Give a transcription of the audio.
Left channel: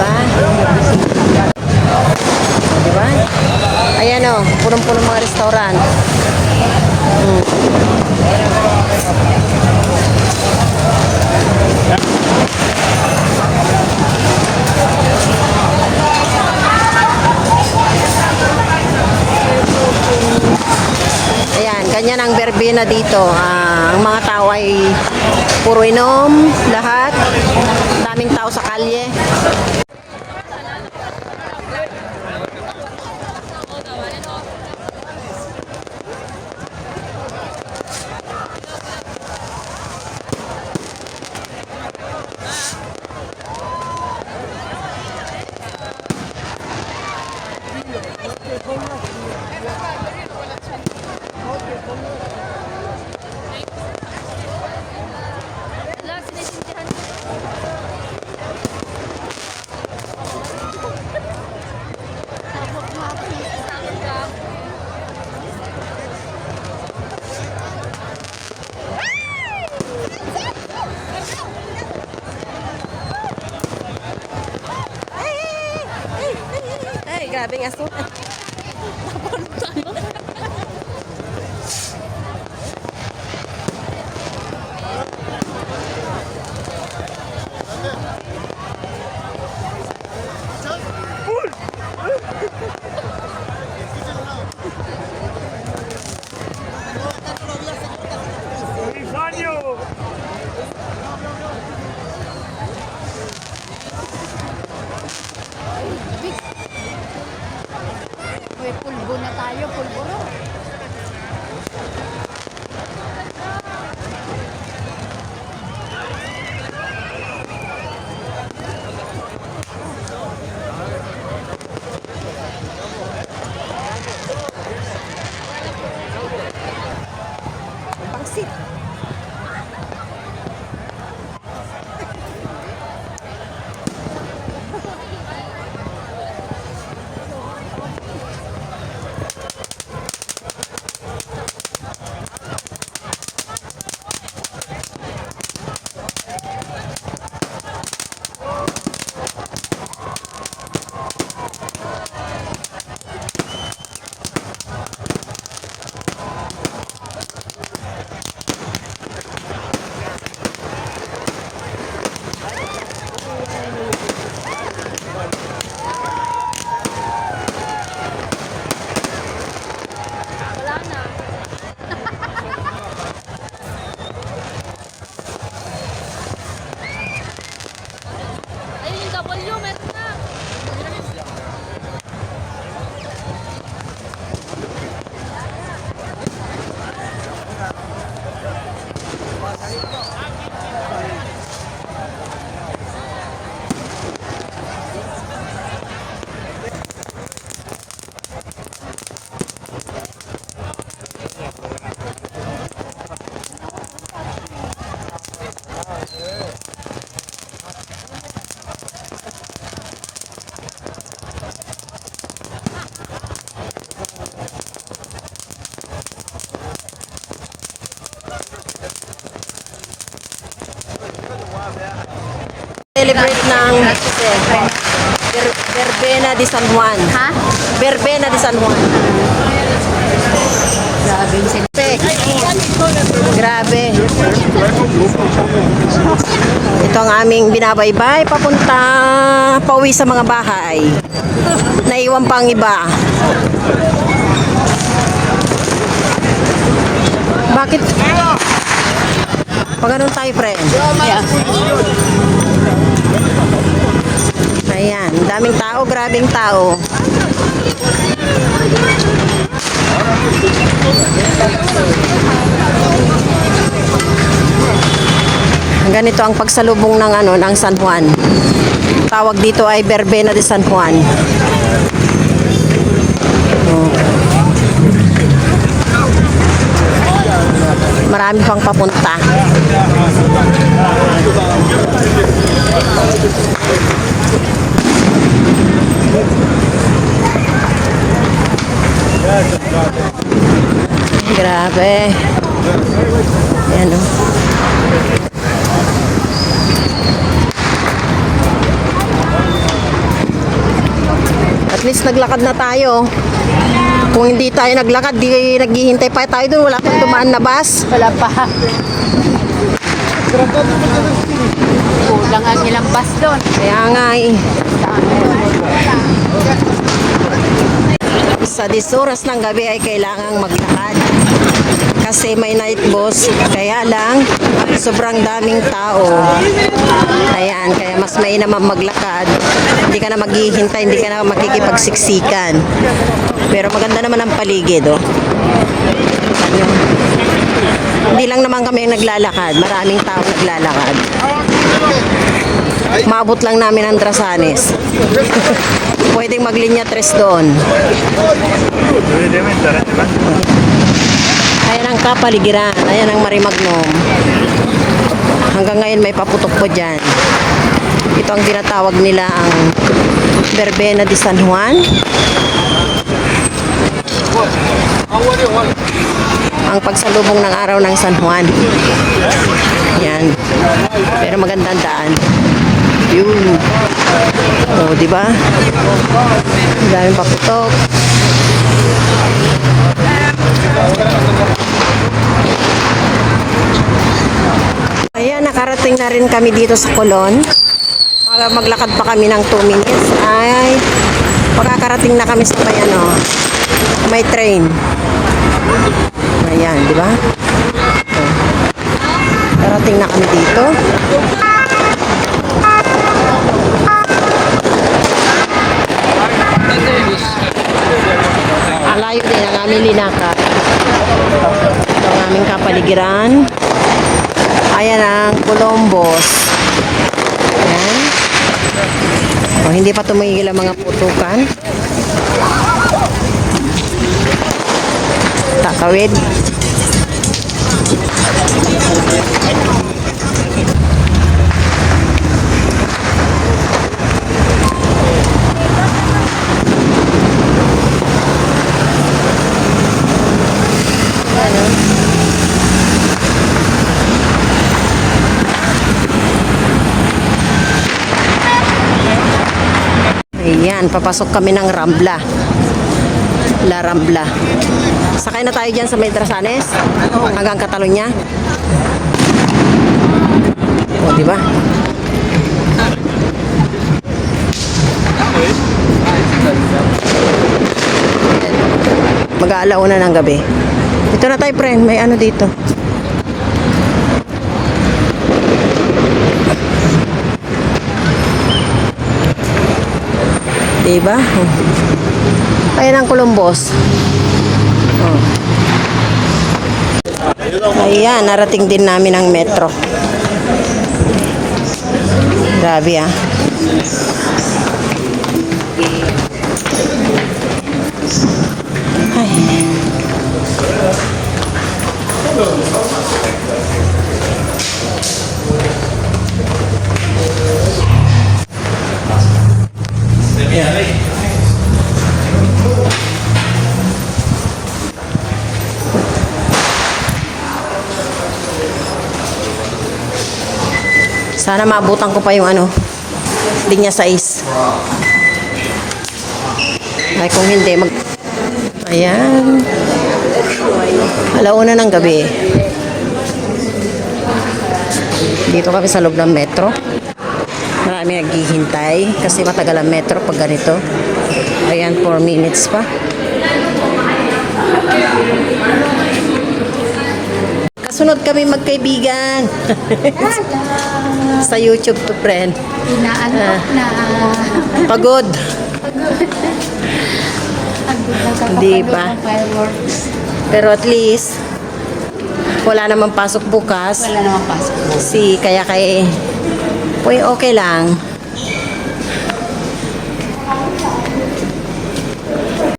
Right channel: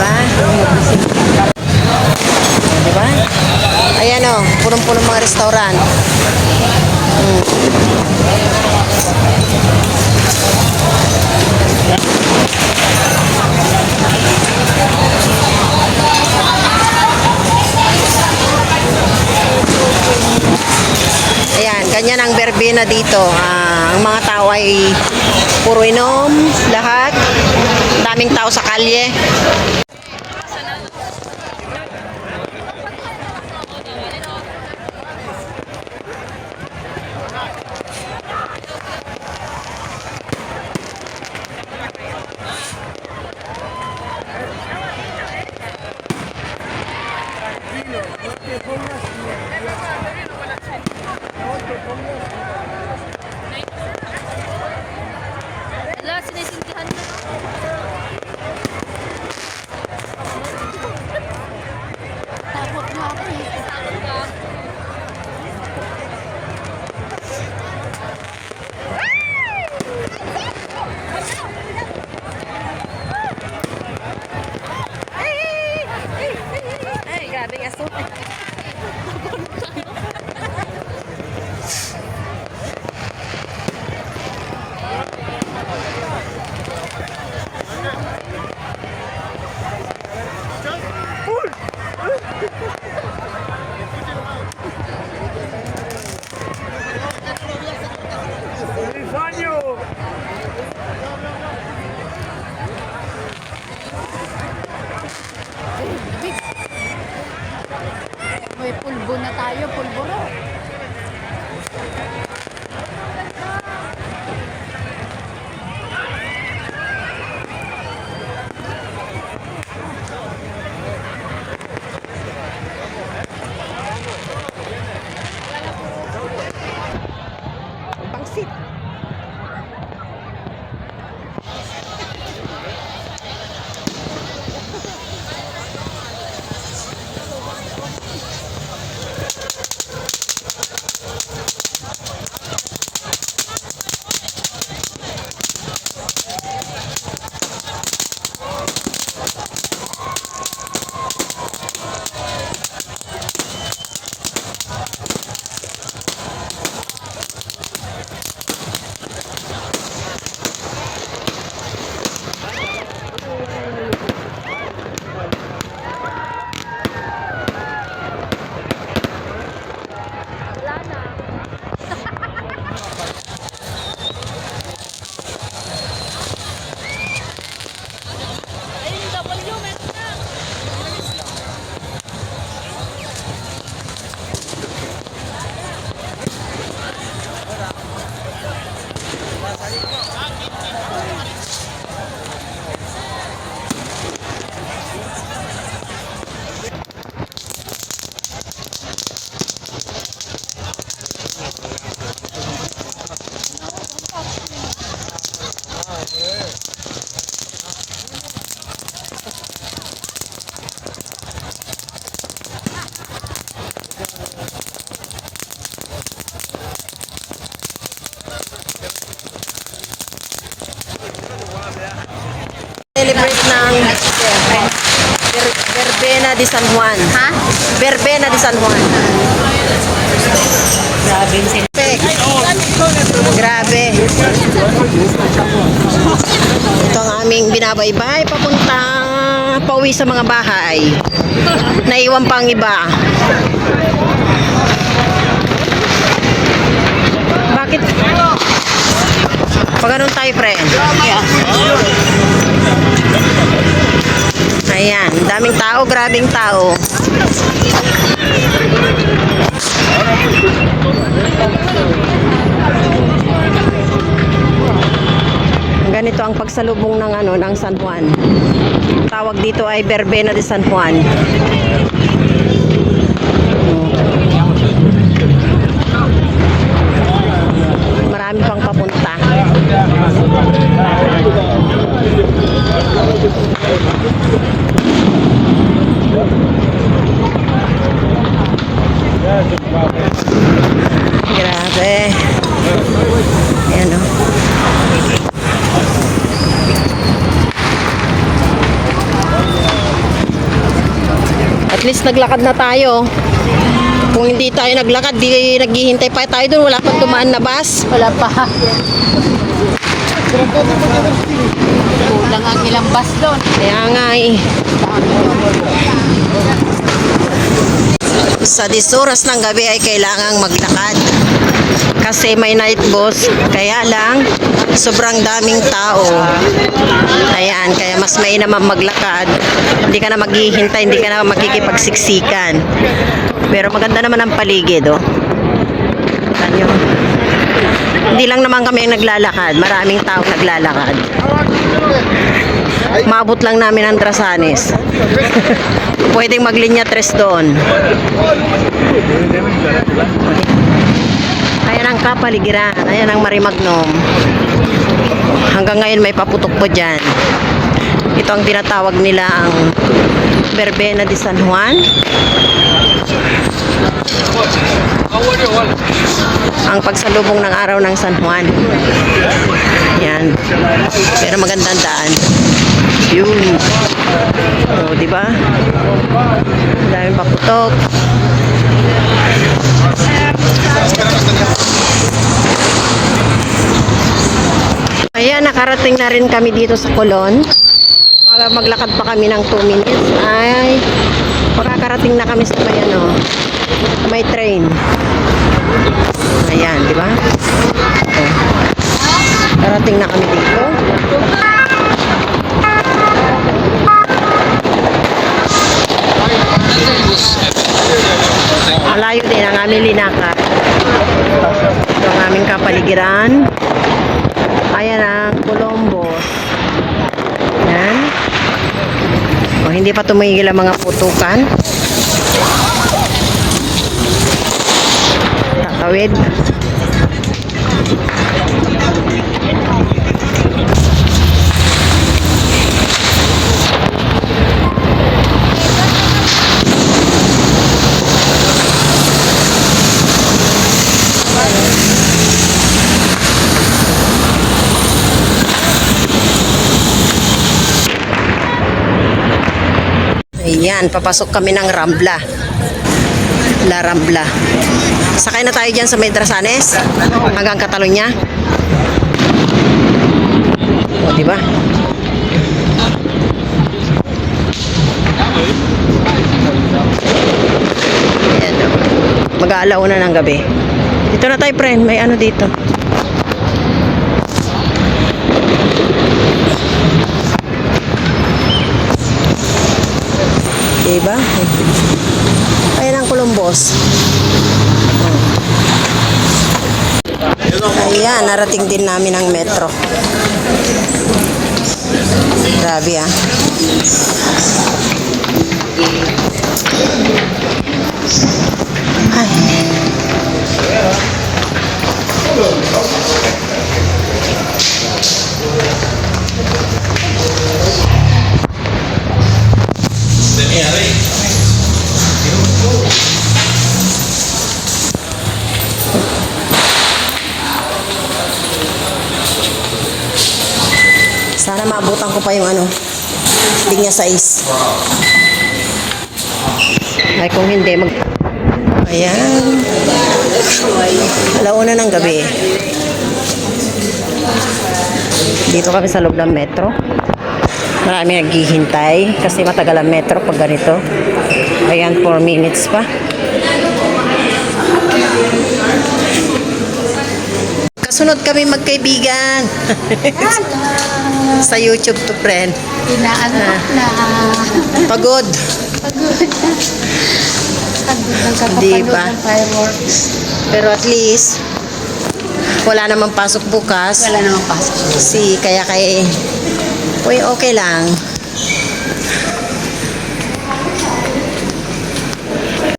ba? Di ba? Ayan o, punong-punong mga restaurant. Ayan, ganyan ang verbena dito. Ang mga tao ay puro inom, lahat. Daming tao sa kalye. Grabing aso. May pulbo na tayo, pulbo. Pangsit. Celebrate ng Verbena de San Juan. Ha? Verbena de San Juan. Grabe. Ito ang aming binabaybay papunta pauwi sa mga bahay. Naiwan pang iba. Bakit? Pag ganun tayo, friend. Ayan, daming tao, grabing tao. Ganito ang pagsalubong ng ng San Juan. Tawag dito ay Verbena de San Juan. Marami pang papunta. Grabe. Ayan o. At least naglakad na tayo. Kung hindi tayo naglakad, di naghihintay pa tayo doon. Wala pang dumaan na bus. Wala pa. Kulang ang ilang bus doon. Kaya nga eh. Sa 10 oras ng gabi ay kailangang maglakad. Kasi may night bus. Kaya lang, sobrang daming tao. Ayan, kaya mas naman maglakad. Hindi ka na maghihintay, hindi ka na makikipagsiksikan. Pero maganda naman ang paligid, oh. Ano? Hindi lang naman kami ang naglalakad. Maraming tao naglalakad. Maabot lang namin ang Drasanes. Pwedeng maglinya 3 doon. Ayan ang kapaligiran. Ayan ang Marimagnom. Hanggang ngayon may paputok po dyan. Ito ang tinatawag nila ang Verbena de San Juan. Ang pagsalubong ng araw ng San Juan. Yan. Pero magandang daan. Yun. O, di ba? Daming paputok. Ayan, nakarating na rin kami dito sa Colon. Maglakad pa kami ng 2 minutes. Ay, makakarating na kami sa may train. Ayan, di ba? O, karating na kami dito. Malayo din ang aming linakad. Ito ang aming kapaligiran. Ayan ang Colombos. Ayan. O, hindi pa tumigil ang mga putukan. Tatawid. Ayan, papasok kami ng Rambla. La Rambla. Sakay na tayo dyan sa Medrasanes hanggang Catalunya. O, di ba? Ayan, o. Mag-aalauna ng gabi. Ito na tayo, friend. May ano dito. Diba? Ayan ang Colombos. Oh. Ayan, narating din namin ang metro. Grabe ah. Ay. Sana maabutan ko pa yung linya 6. Ay kung hindi Ayan. Alauna ng gabi. Dito kami sa loob ng metro. Marami naghihintay kasi matagal ang metro pag ganito. Ayan, 4 minutes pa. Kasunod kami magkaibigan. Sa YouTube to, friend. Inaanok na. Pagod. Hindi ba? Fireworks. Pero at least, wala namang pasok bukas. Wala namang pasok. Kaya okay lang.